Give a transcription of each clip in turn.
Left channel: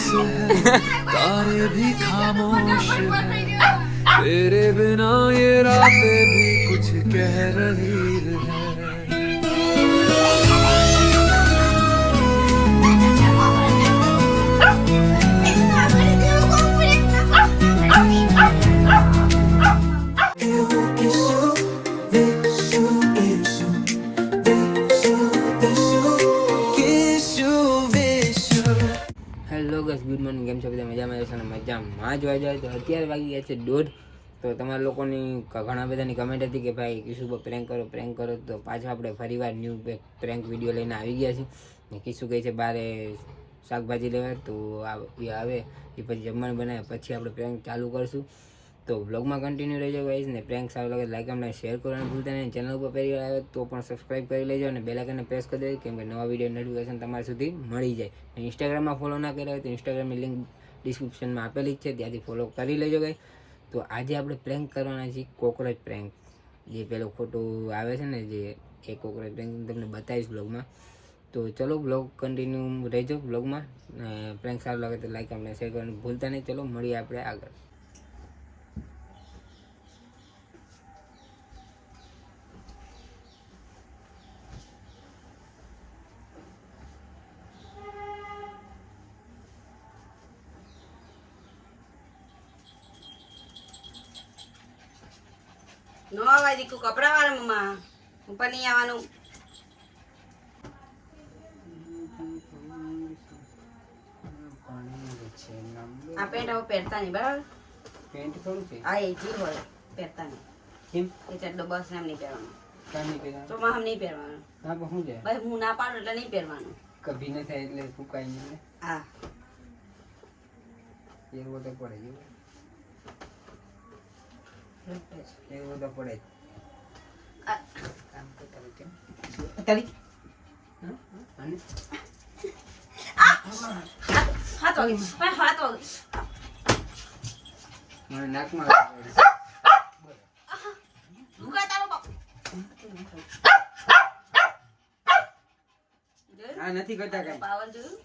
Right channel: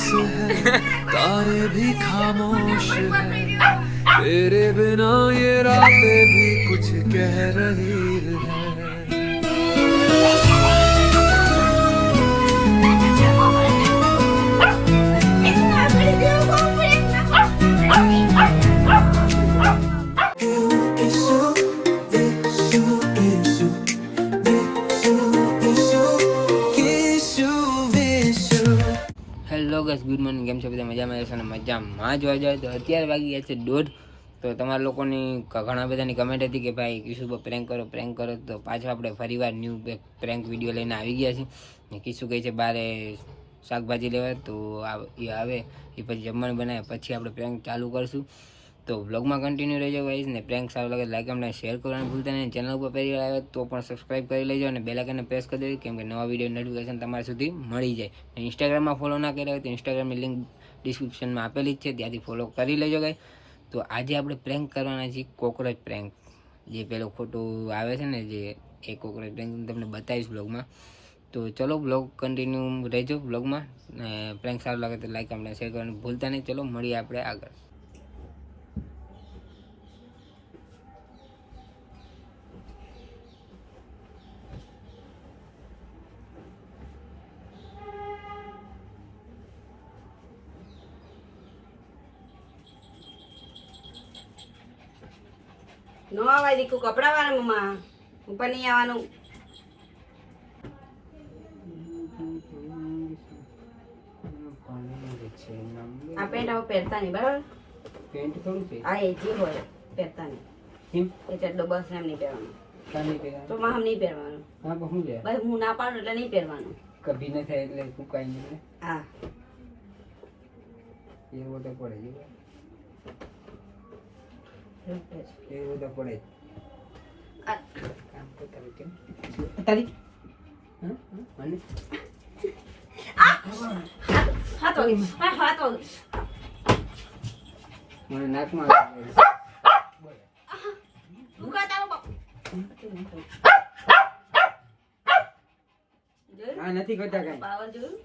पास है तारे भी खामोश है तेरे बिना ये रातें भी कुछ कह रही है હેલો ગાઈસ, ગુડ મોર્નિંગ. કેમ છો બધા? મજામાં હશો ને? મજામાં જ હોય તો અત્યારે વાગી ગયા છે 1:30. તો તમારા લોકોની ઘણા બધાની કમેન્ટ હતી કે ભાઈ કિશુ પર પ્રેન્ક કરો. તો પાછો આપણે ફરીવાર ન્યૂ પ્રેન્ક વિડીયો લઈને આવી ગયા છીએ. ને કિશુ કહે છે બારે શાકભાજી લેવા, તો એ આવે એ પછી જમવાનું બનાવે પછી આપણે પ્રેન્ક ચાલુ કરશું. તો બ્લોગમાં કન્ટિન્યુ રહેજો ગાઈસ. ને પ્રેન્ક સારું લાગે લાઈક અમને શેર કરવાનું ભૂલતા નહીં. ચેનલ ઉપર પહેલી વાર આવે તો પણ સબસ્ક્રાઈબ કરી લેજો અને બેલ આઇકનને પ્રેસ કરી દેજો, કેમ કે નવા વિડીયો નોટિફિકેશન તમારા સુધી મળી જાય. અને ઇન્સ્ટાગ્રામમાં ફોલો ના કર્યા હોય તો ઇન્સ્ટાગ્રામની લિંક ડિસ્ક્રિપ્શનમાં આપેલી જ છે, ત્યાંથી ફોલો કરી લેજો ગાઈસ. તો આજે આપણે પ્રેન્ક કરવાના છીએ કોકરોચ પ્રેન્ક. જે પેલો ખોટો આવે છે ને, જે એ કોકરોચ પ્રેન્ક તમને બતાવીશ બ્લોગમાં. તો ચલો બ્લોગ કન્ટિન્યુ રહેજો બ્લોગમાં. પ્રેન્ક સારું લાગે તો લાઈક અમને શેર કરવાનું ભૂલતા નહીં. ચલો મળીએ આપણે આગળ. નો આવાય દીકુ કપડા વાળા મમ્મા ઉપર નહીં આવવાનું. આ પેન્ટ હવે પહેરતા નહીં, બરાબર? પેન્ટ થોડું છે આ એ જે હોય પહેરતા નહીં. એ ચડ્ડો બસ એમ નહીં પહેરવાનું. તો માં હમ નહીં પહેરવાનું. ભાઈ હું ના પાડું એટલે નહીં પહેરવાનું. કભી ન થાય એટલે ફૂંકાઈ નહીં. હા એવું તો પડે છે, એવું તો પડે. કામ કરતા હોય કેમ તારી હાથ વાગે મને નાકમાં આ નથી કરતા કઈ. પાવર જોયું?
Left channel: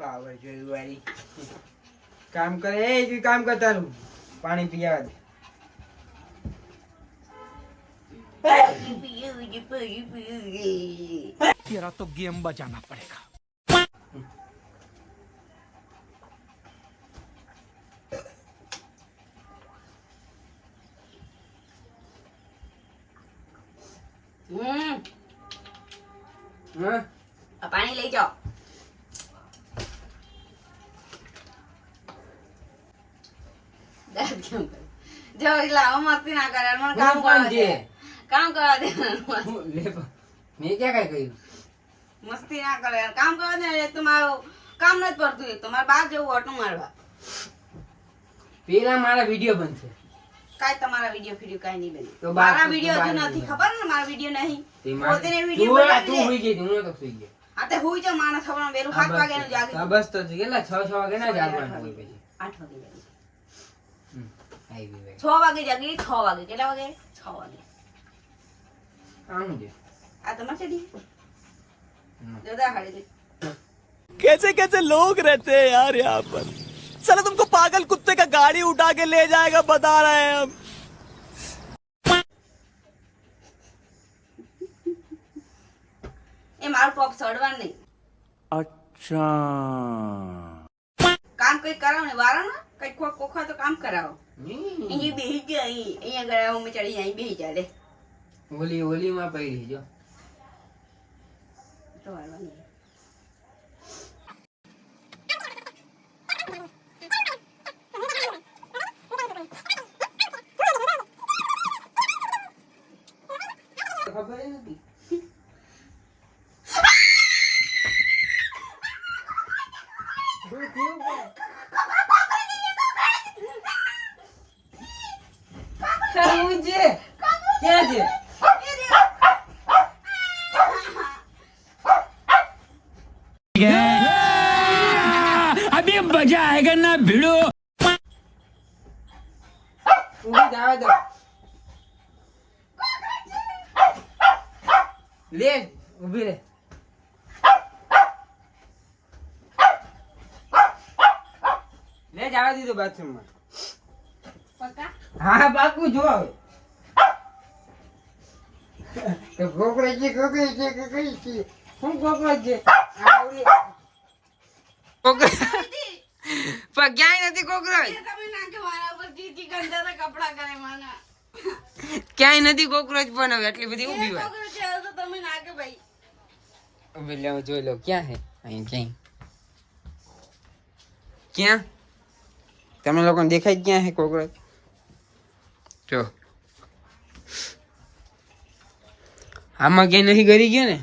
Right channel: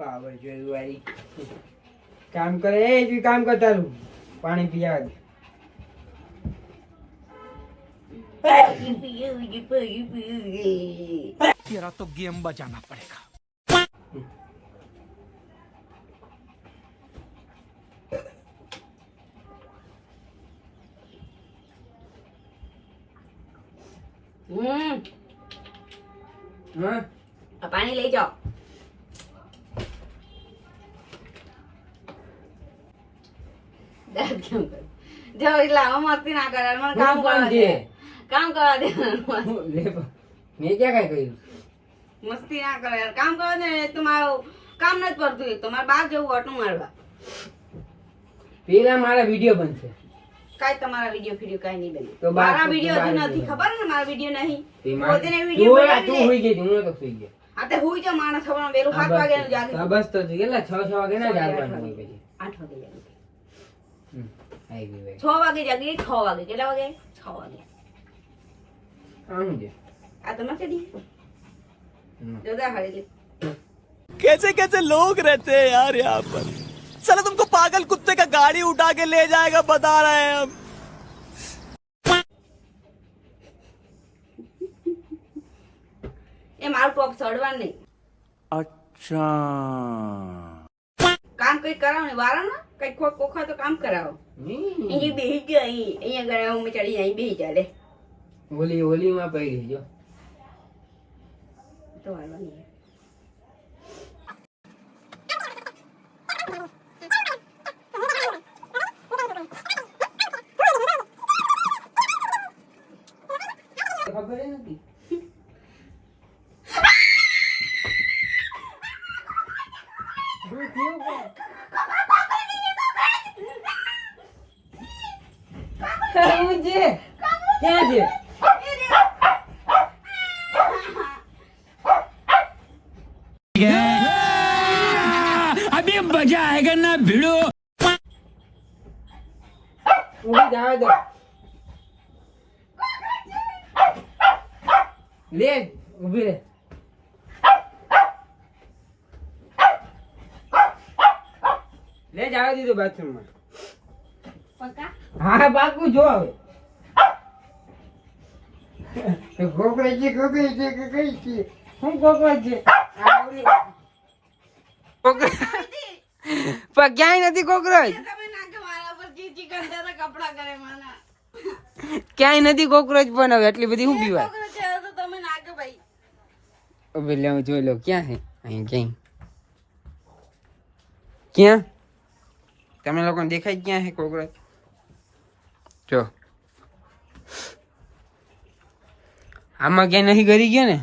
પાવર જોયું વાળી કામ કરે એ જ કામ કરતા રહું. પાણી પીયા तेरा तो गेम बजाना पड़ेगा. આ પાણી લઈ જાઓ. જો એટલે આવો મસ્તી ના કરે, મને કામ કરવા દે. કામ કરવા દે. મેં ક્યાં કઈ કર્યું? મસ્તી ના કરે યાર, કામ કરવા દે. એક તો મારું કામ નથી પડતું, એક તો મારે બહાર જવું ઓટો મારવા. પેલા મારા વિડીયો બનશે. કાઈ તમારા વિડીયો ફીડિયો કાઈ નહીં બને. તો બહાર મારા તો વિડીયો બહાર હજી નથી. નથી ખબર ને, મારા વિડીયો નહીં. તેમાં પોતે વિડીયો તું બનાવી હોઈ દે. ગઈ હતી, હું તો સુઈ ગયો. આ તે હુઈ જા માણસ ખબર વેલું 7 વાગે નું જાગી. હા બસ તો કેટલા 6 વાગે ના જાગવાનું હોય પછી. 8 વાગે જાગી. આવી ગઈ ભાઈ. 6 વાગે જાગી. 6 વાગે કેટલા વાગે? 6 વાગે. આનું છે આ તમારે ચડી જોદા હાડી લે. कैसे कैसे लोग रहते हैं यार यहाँ पर. साला तुमको पागल कुत्ते का गाड़ी उठा के ले जाएगा बता रहे हैं हम. એ મારું ટોપ સડવાનું નહીં. अच्छा. કામ કઈ કરાવો ને વાળો ને કઈ કોખા તો કામ કરાવો. અહીંયા બેહી ગયો, અહીંયા ગયા હું ચડી અહીં બેહી જાય લે. ઓલી માં પડી જો તો વાળવાનું. ખબર નથી. ક્યાં છે? अभी मजा आएगा ना भिड़ो. ઊભી જાવ દો. લે ઊભી રે. જવા દીધો બાથરૂમમાં. પક્કા હા બાકુ જો હવે કોકરેજ છે કઈ છે શું કોકરેજ છે પણ ક્યાંય નથી કોકરોચ. તમે નાખો મારા પર ચીચી ગંધારા કપડા કરે મને ક્યાંય નથી કોકરોચ પણ હવે એટલી બધી ઊભી વાત. કોકરોચ છે તો તમે નાખો ભાઈ. હવે લે હું જોઈ લઉં ક્યાં છે અહીં ક્યાં તમે લોકોને દેખાય ક્યાં છે કોકરોચ જો આમાં ક્યાંય નથી કરી ગયા ને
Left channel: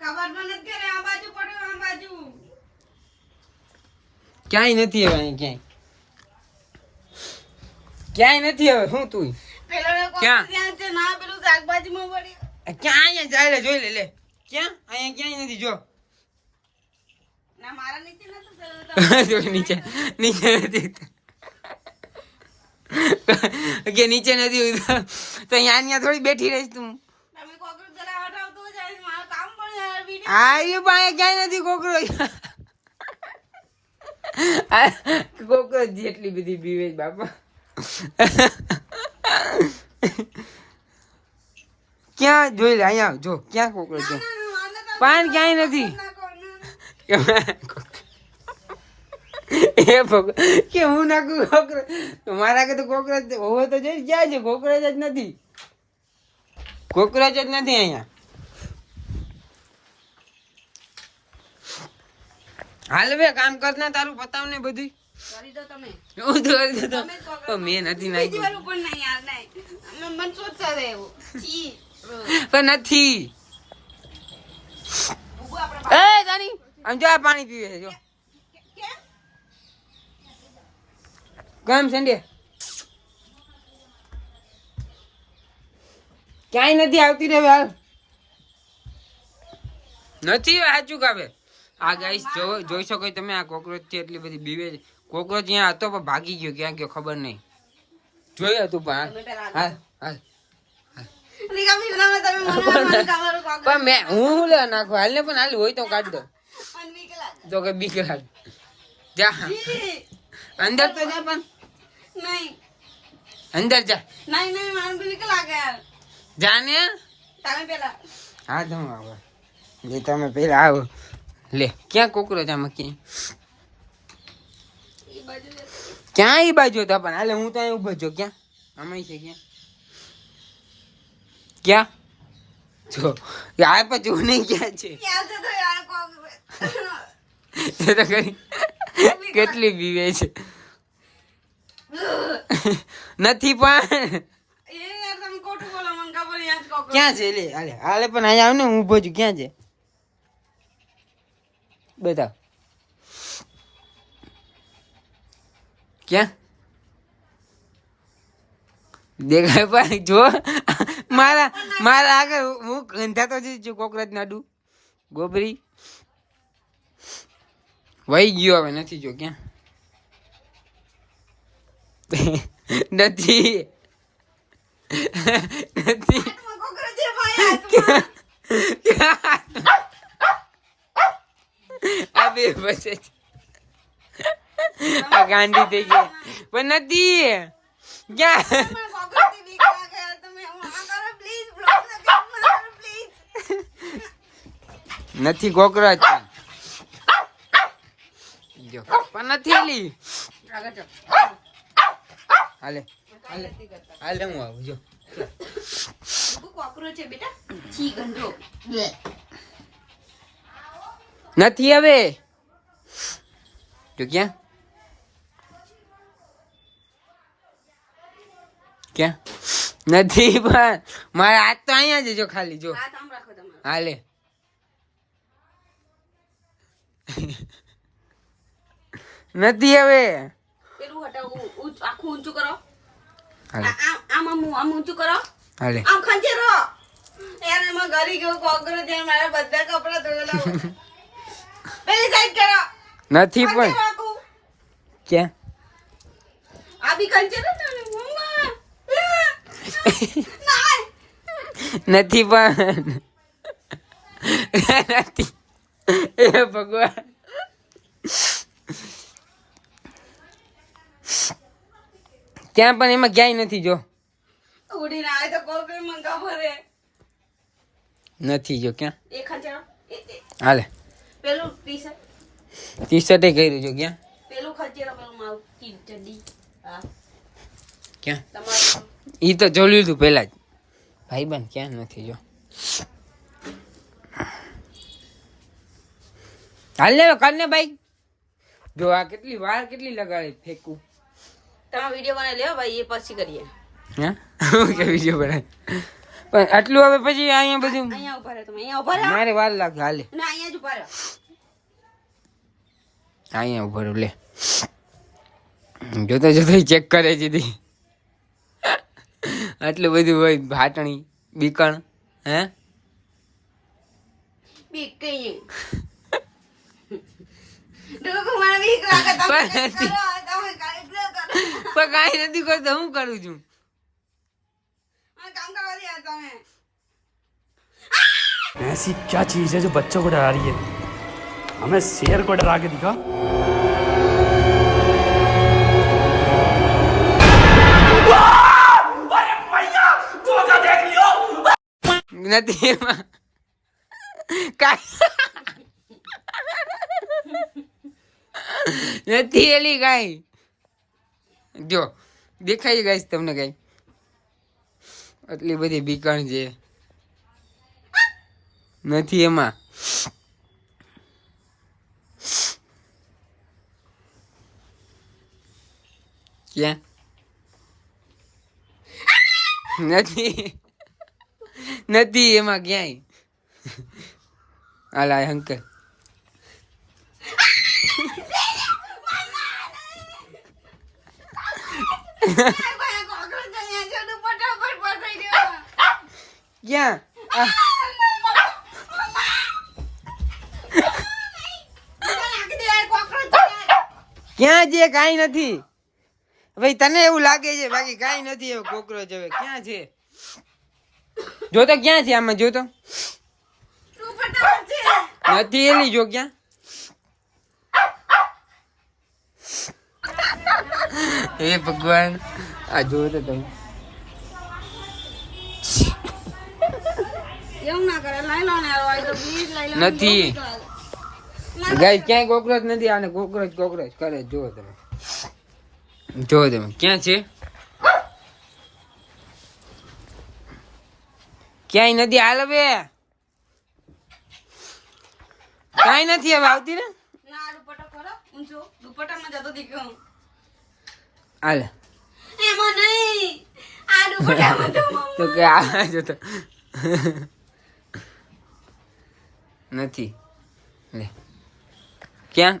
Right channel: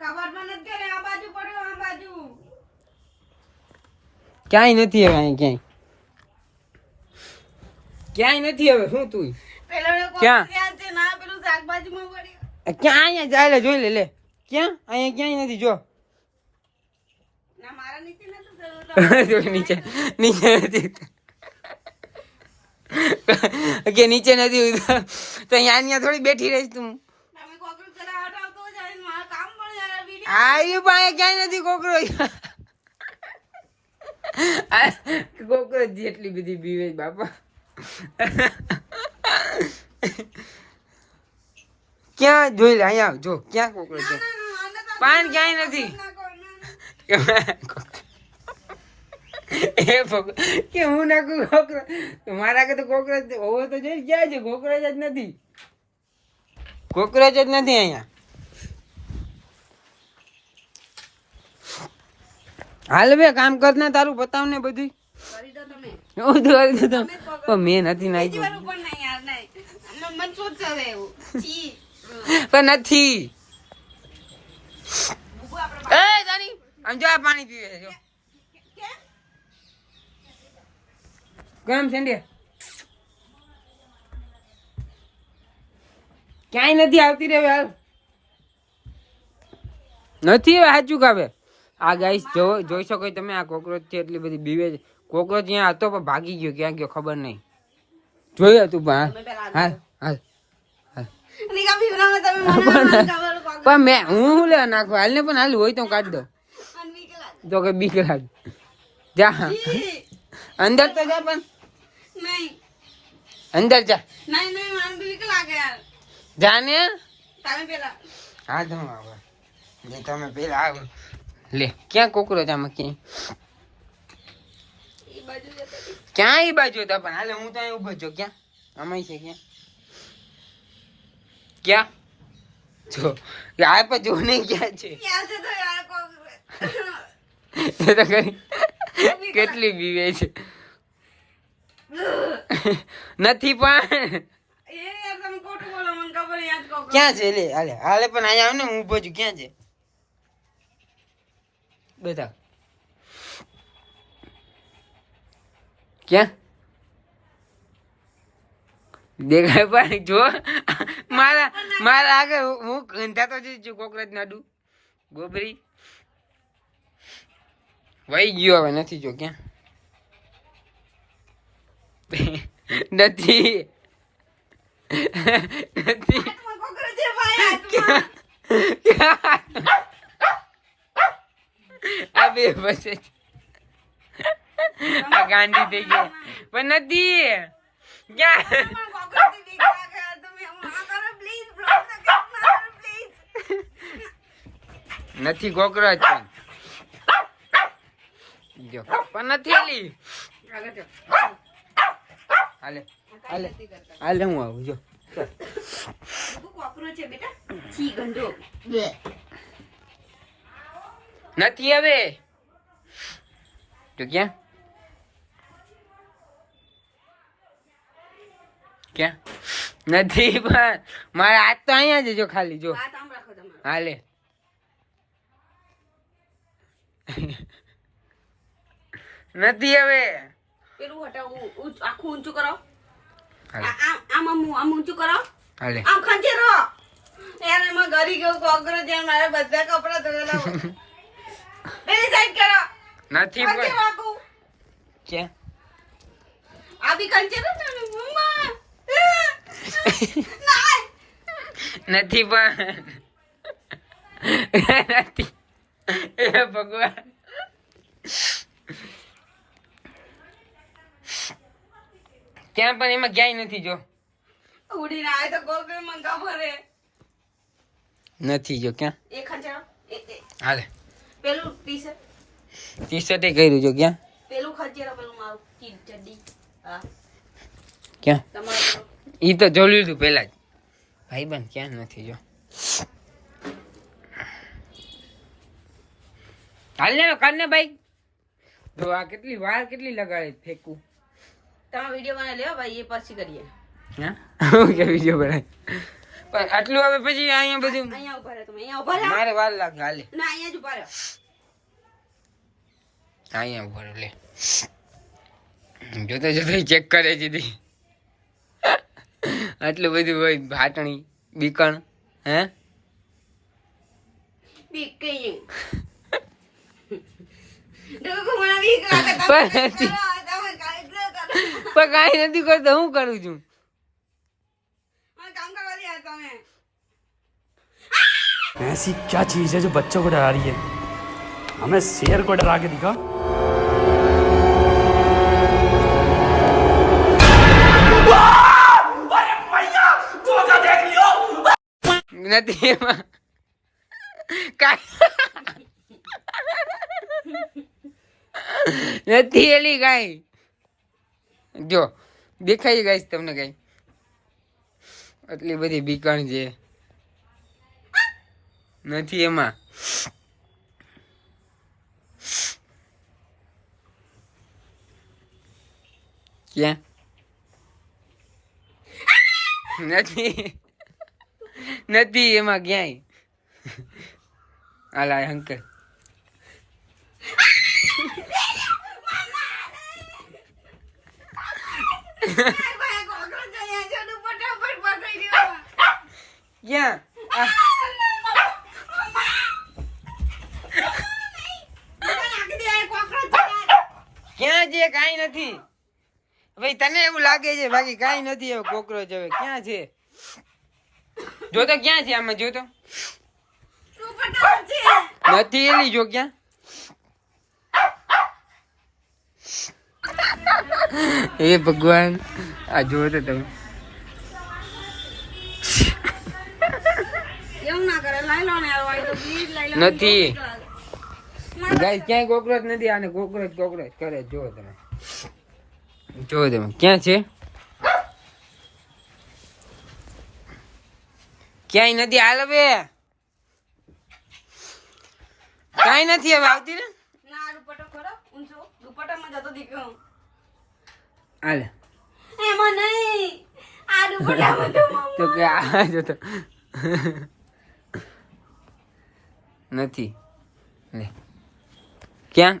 કબાટમાં નથી કરે આ બાજુ પડ્યો આ બાજુ ક્યાંય નથી હવે અહીં ક્યાંય નથી હવે શું તું પેલો ક્યાં? ધ્યાન છે ના પેલું શાકભાજીમાં પડ્યું ક્યાં અહીંયા જાય જોઈ લે ક્યાં અહીંયા ક્યાંય નથી જો ના મારા નીચે નતું જો નીચે નીચે નથી કે નીચે નથી ઉતરતું. તો અહીંયા થોડી બેઠી રહીશ તું. તમે કોકરોચ જરા હટાવતો જાય મારા કામ પણ યાર વિડિયો આ પાસે ક્યાંય નથી કોકરોચ. કોકરોચ જેટલી બધી બીવે છે બાપા. ક્યાં જોઈ લે અહીંયા આવ, જો ક્યાં કોકરોચ છે પાન ક્યાંય નથી. કે હું નાખું કોકરોચ મારા કે તો કોકરોચ હોવો તો જોઈ ક્યાં છે કોકરોચ જ નથી. કોકરોચ જ નથી અહીંયા. હાલ બે કામ કરના તારું બતાવ ને બધું કરી દો તમે હું તો કરી દઉં તને. પણ મેં નથી બીજી વાર નાખ્યું ઉપર નહીં યાર નહીં મન સોચતા રહે એવું છી પણ નથી. બુબુ આપણે એ જાની આમ જો આ પાણી પીવે છે જો કેમ ગામ સંડે ક્યાંય નથી આવતી રે હાલ નથી સાચું કાવે. આ ગાઈસ જો જોઈ શકો તમે આ કોકરોચ છે એટલી બધી બીવે છે. કોકરોચ અહીંયા હતો પણ ભાગી ગયો ક્યાં ગયો ખબર નહીં. જોયો તું પણ તમે પેલા હાલ હાલ નિકા વિવનામાં તમે મને ખબર કોક પણ મેં હું લે નાખવા હાલ ને પણ હાલ હોય તો કાઢ દો મન વીક લાગે તો કે બીક લાગે. જા છી. અંદર તો જા પણ નહીં અંદર જા નહીં નહીં મને તો વીક લાગે યાર જા ને. તમે પેલા હા તો હું આવો લે તમે પેલા આવો લે ક્યાં કોકરોચ આમાં ક્યાંય ઈ બાજુ જતો ક્યાં ઈ બાજુ હતા પણ હાલે હું તો અહીં ઉભો છું ક્યાં આમાં છે ક્યાં ક્યાં જો આ પણ જો નહીં ક્યાં છે ક્યાં છે તો યાર કોક એ તો કઈ કેટલી બીવે છે નથી પણ એ યાર તમે ખોટું બોલો મને ખબર યાર કોક ક્યાં છે લે હાલે હાલે પણ અહીંયા આવ ને હું ઉભો છું ક્યાં છે બેટા ક્યાં દેખાય પણ જો મારા આગળ હું ગંધાતો જ છું કોકરોચ નાડું ગોબરી વહી ગયો હવે નથી જો ક્યાં નથી નથી હાથમાં કોકરોચ છે ભાઈ હાથમાં આ બે બસે છે. આ ગાંડી થઈ ગયો પણ નથી ક્યાં મને કોકરોચથી બીક લાગે તમે હું આ કરો પ્લીઝ બ્લોક તો કેમ મારો પ્લીઝ નથી કોકરોચ પણ જો પણ નથી લી આગળ ચલ હાલે હાલે હાલે હું આવું જો બુબુ કોકરોચ છે બેટા છી ગંધો નથી હવે જો ક્યાં ક્યાં નથી પણ મારા હાથ તો અહીંયા જ છે જો ખાલી જો હાથ આમ રાખો તમે હાલે નથી હવે પેલું હટાવું આખું ઊંચું કરો હાલે આમ ઊંચું કરો હાલે આમ ખંજેરો યાર એમાં ઘરી ગયો કોકરોચ યાર મારા બધા કપડા ધોયેલા હોય. પેલી સાઈડ કરો નથી પણ ખંજેરો આખું ક્યાં આ બી ખંજેરો ને મમ્મા ના નથી પણ નથી એ ભગવાન ત્યાં પણ એમાં ક્યાંય નથી જો ઉડીને આવે તો કોકરી મને ખબર હે નથી જો ક્યાં એ ખંચરો હાલે પેલું ટી શર્ટે કર્યું જો ક્યાં પેલું ખંચરો પેલું મારું કી ચડ્ડી હા ક્યાં તમારું ઈ તો જોઈ લીધું પેલા જ ભાઈબંધ ક્યાં નથી જો હાલ ને કાઢને ભાઈ જો આ કેટલી વાર કેટલી લગાડે ફેંકું તમે વિડિયો બનાવી લ્યો ભાઈ એ પછી કરીએ હા કે વિડિયો બનાવે પણ આટલું હવે પછી અહીંયા બધું અહીંયા ઉભા રહે તમે અહીંયા ઉભા રહે મારે વાર લાગે હાલે ના અહીંયા જ ઉભા રહો અહીંયા ઉભા રહો લે જોતા જોતા ચેક કરે છે તી આટલું બધું હોય ભાટણી બીકણ હે બીક કઈ ડોકો મને બીક લાગે તમે પણ કરો તમે કરો પણ કાંઈ નથી કરતો હું કરું છું મને કામ કરવા દે તમે ऐसी क्या चीज है जो बच्चों को डरा रही है हमें शेर को डरा के दिखा નથી એમાં નથી એલી કાંઈ જો દેખાય ગાઈસ તમને કઈ આટલી બધી બીકણ છે નથી એમાં ક્યાં નથી નથી એમાં ક્યાંય હાલ અંકલ ભાઈ કોકરો જયા છે તો ફટાફટ પસાઈ ગયો ક્યાં આ, ક્યાં છે કાંઈ નથી ભાઈ તને એવું લાગે છે બાકી કાંઈ નથી એવું કોકરોચ હવે ક્યાં છે જોતો ક્યાં છે આમાં જોતો નથી એલી જો ક્યાં હે ભગવાન આ જોવો તો તમે એવું ના કરે લઈ લો ને હોય તો પ્લીઝ લઈ લો નથી ગાઈસ ક્યાંય કોકરોચ નથી આને કોકરોચ કોકરોચ કરે જોવો તમે ક્યાં છે ક્યાંય નથી હાલ હવે કાંઈ નથી હવે આવતી ને ના દુપટ્ટો ખોલો ઊંચો દુપટ્ટામાં જતો દીકરો હાલ એમાં નહીં આ દુપટ્ટામાં તો તો કે આ જોતો નથી લે ક્યાં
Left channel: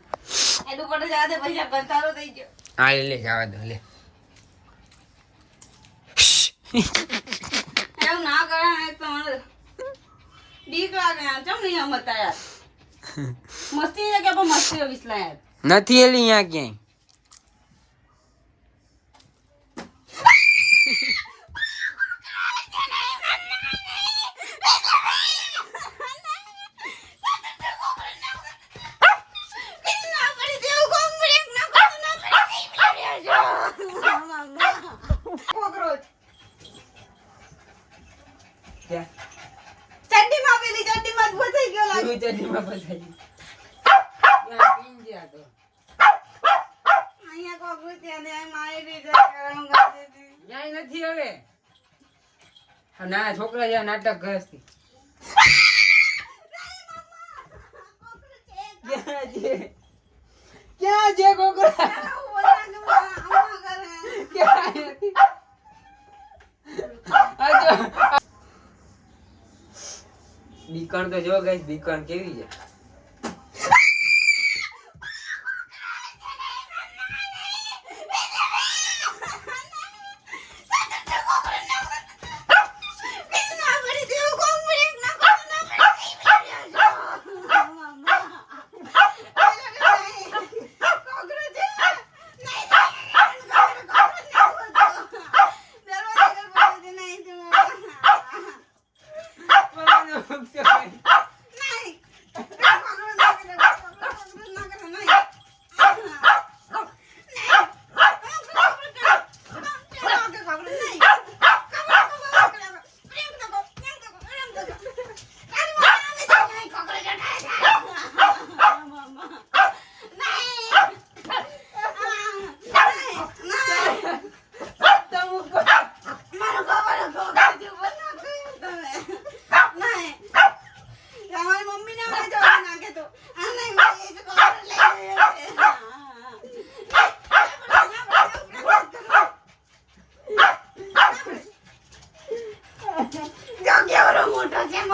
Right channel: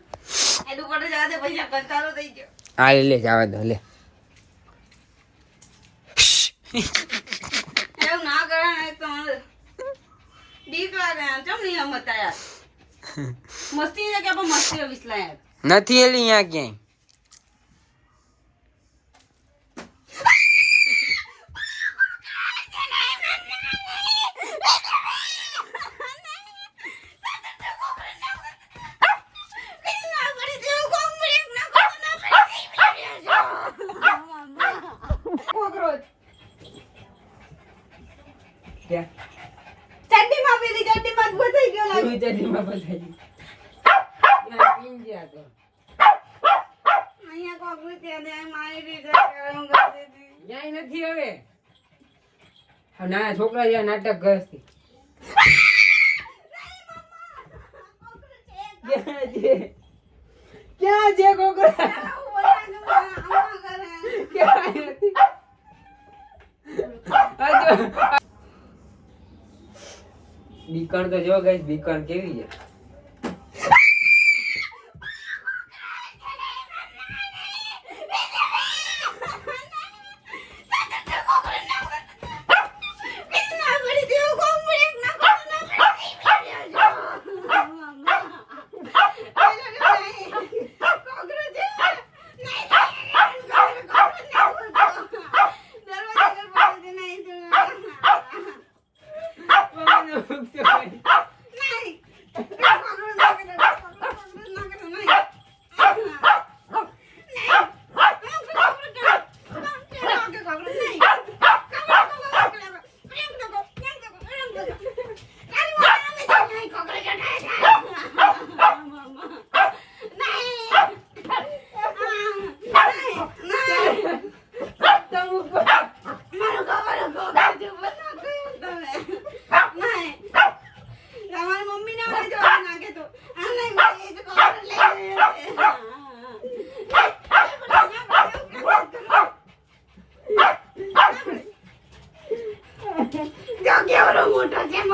એ દુપટ્ટો જવા દે ભૈયા કંટાળો થઈ ગયો હાલ લે જવા દો લે એવું ના કરે ને તો મને બીક લાગે કેમ નહીં હમતા યાર મસ્તી છે કે પણ મસ્તી વિસલા યાર નથી એલી અહીંયા ક્યાંય ચડ્ડીમાં પેલી ચડ્ડીમાં ફસાઈ ગયો લાગે અહીંયા કોકરું ત્યાં મારી દીધો હું કરી દીધી ક્યાંય નથી હવે ના છોકરા જેવા નાટક કરે છે ક્યાં છે કોકરા બીકણ તો જો ગઈ બીકણ કેવી છે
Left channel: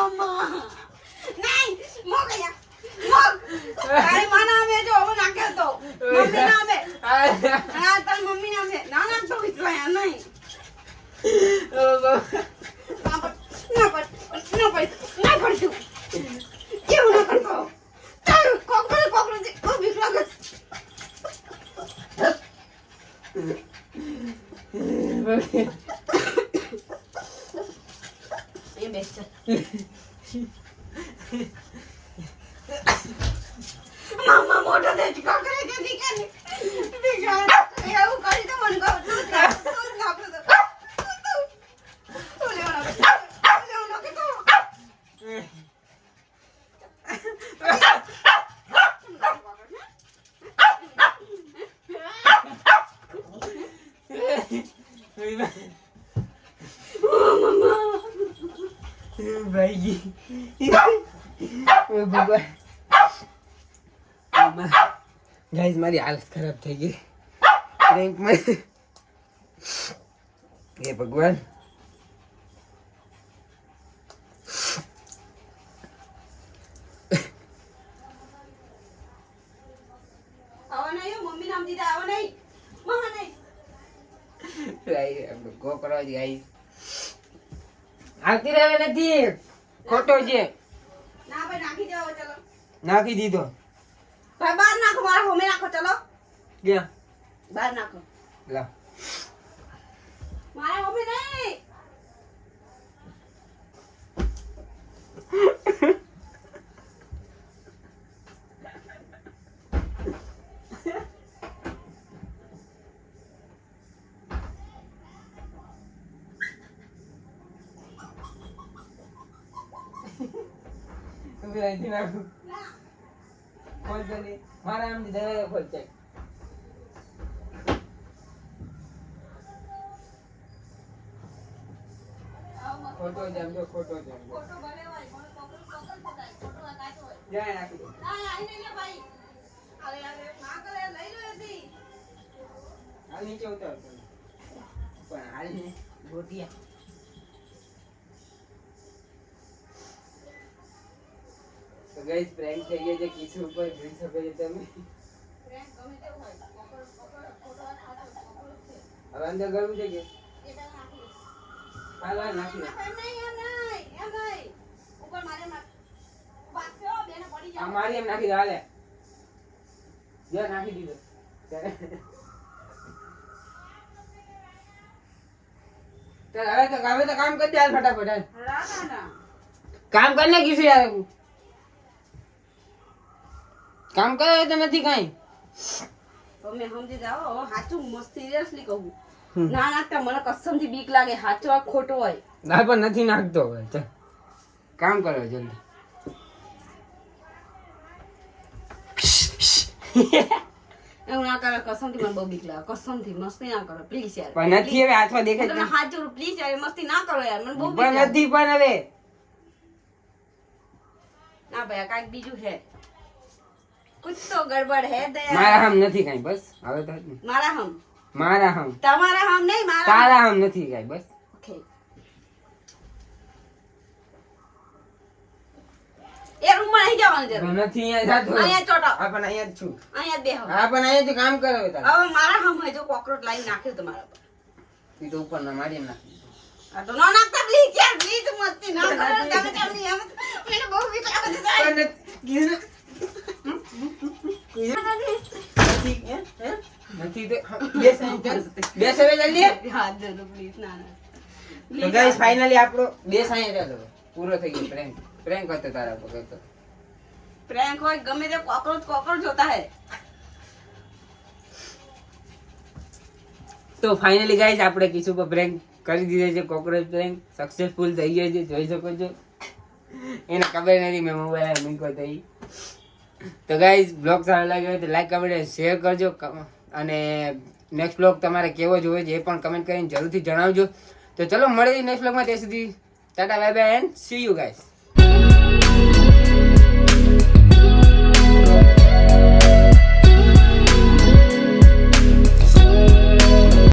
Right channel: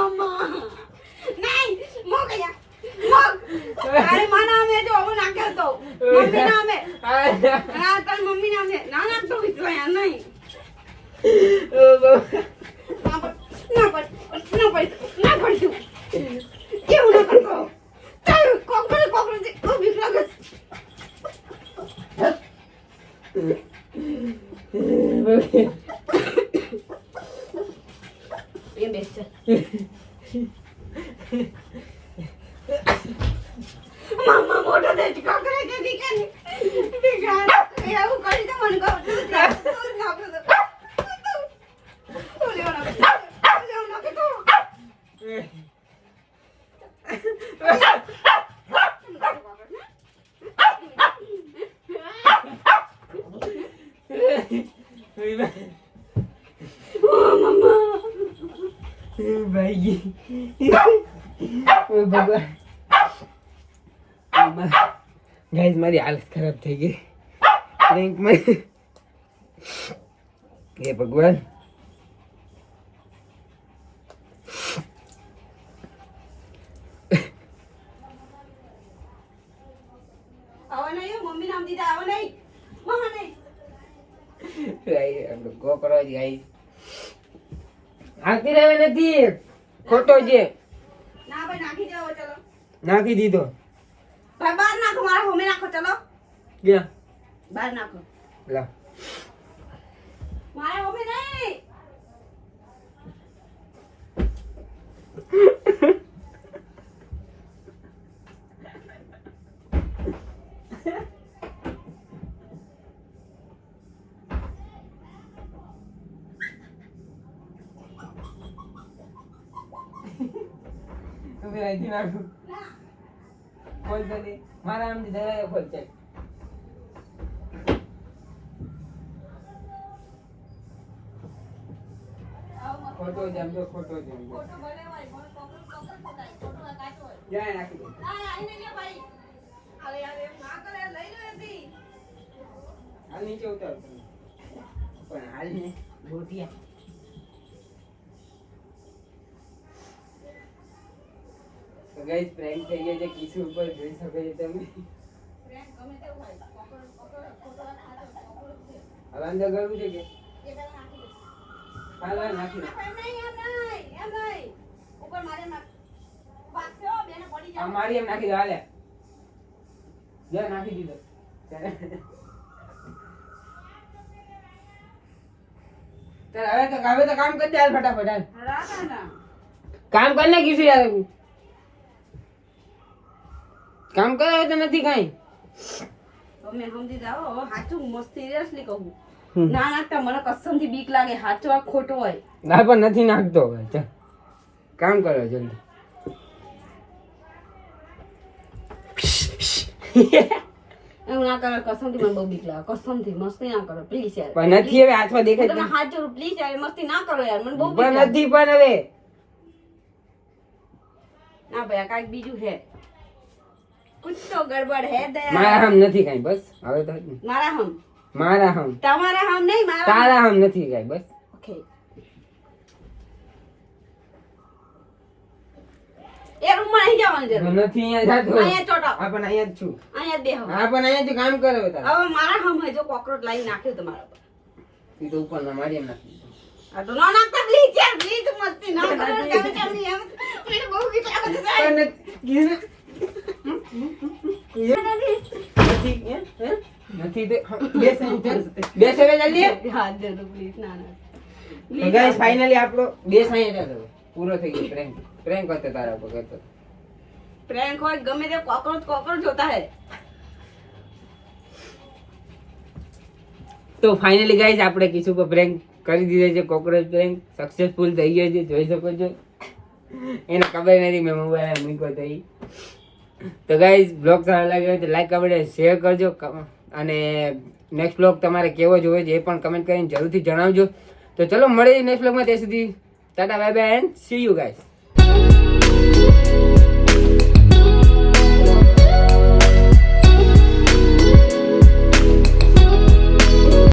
મમ્મા નહીં મો ગયા તારી માં નામે જો હું નાખ્યો તો મમ્મી નામે હા તારી મમ્મી નામે ના નાખતો વિશ્વાયા નહીં ના પડતું કેવું ના કરતો ચાલ કોકરો ઓ બીક લાગે એ બેસ મામા મોટો દે કોકરો કે દીકરી એવું કરી તો મને કહું તું નાખું ગાઈસ મારી હાલત ખરાબ થઈ ગઈ પ્રેન્કમાં હે ભગવાન આવા નહીં મમ્મી નામ દીધા આવા નહીં મમ્મા નહીં આપણો કોકરો જ ગાઈસ આવતી રહે નથી ખોટો છે ના ભાઈ નાખી જાઓ ચલો નાખી દીધો ભાઈ બાર નાખો મારા મમ્મી નાખો ચલો ગયા બાર નાખો લા મારા મમ્મી નહીં તું કે રાજી નાખું ખોલ જલ્દી મારા આમ જરા ખોલ ચેક ખોટો જમજો ખોટો જમજો જાય નાખી દે હાલ નીચે ઉતાર પણ હાલ ને બોટિયા તો ગાઈસ પ્રેન્ક થઈ ગયો છે કિશુ ઉપર જોઈ શકો છો તમે હવે અંદર ગરમ છે કે પાલા નાખી મારી એમ નાખી દો હાલે જો નાખી દીધો ચાલ હવે તો કામ કરી દે હાલ ફટાફટ હાલ કામ કર ને કિશુ યાર કામ કરે તો નથી કઈ તમે સમજી જાઓ સાચું મસ્ત સિરિયસલી કહું ના નાખતા મને કસમથી બીક લાગે સાચો આ ખોટો હોય ના પણ નથી નાખતો હવે ચાલ કામ કરો જલ્દી એવું ના કરે કસમથી મને બહુ બીક લાગે કસમથી મસ્તી ના કરો પ્લીઝ યાર પણ નથી હવે હાથમાં દેખાય તમે હાથ જોડું પ્લીઝ યાર મસ્તી ના કરો યાર મને બહુ બીક પણ લાગે નથી પણ હવે ના ભાઈ આ કાંઈક બીજું હે कुछ तो गड़बड़ है दया મારા હમ નથી કઈ બસ હવે તો मारा हम મારા હમ તમારા हम नहीं मारा તારા હમ નથી કઈ બસ ओके એ રૂમ માં નહીં જવાનું જરૂર નથી અહીંયા જાતો અહીંયા ચોટો આ પણ અહીંયા જ છું અહીંયા જ બેહો આ પણ અહીંયા જ કામ કરે હવે તારે હવે મારા हम है जो કોકરોચ લાઈ નાખ્યો તમારા પર ઈ તો ઉપર ના મારી એમ નાખી આ તો ના નાખતા પ્લીઝ યાર પ્લીઝ મસ્તી ના કરો તમે ચાલી આમ મને બહુ બીક લાગે છે નથી તો બેસ હવે જલ્દી હાથ દે તો પ્લીઝ ના ના તો ગાઈસ ફાઇનલી આપણો બેસ અહીંયા ચાલો પૂરો થઈ ગયો પ્રેન્ક કરતે તારા ઉપર કરતો प्रैंक હોય ગમે તે કોકરોચ હોતા હે તો ફાઇનલી ગાઈસ આપણે કિશુ પર પ્રેન્ક કરી દીધો છે કોકરોચ પ્રેન્ક સક્સેસફુલ થઈ ગયો છે જોઈ શકો છો એને ખબર નથી મેં મોબાઈલ મૂક્યો તો તો ગાઈસ બ્લોગ સારો લાગ્યો હોય તો લાઈક કમેન્ટ શેર કરજો અને નેક્સ્ટ બ્લોગ તમારે કેવો જોઈએ છે એ પણ કમેન્ટ કરીને જરૂરથી જણાવજો તો ચલો મળીએ નેક્સ્ટ બ્લોગમાં ત્યાં સુધી Tata bye bye and C you guys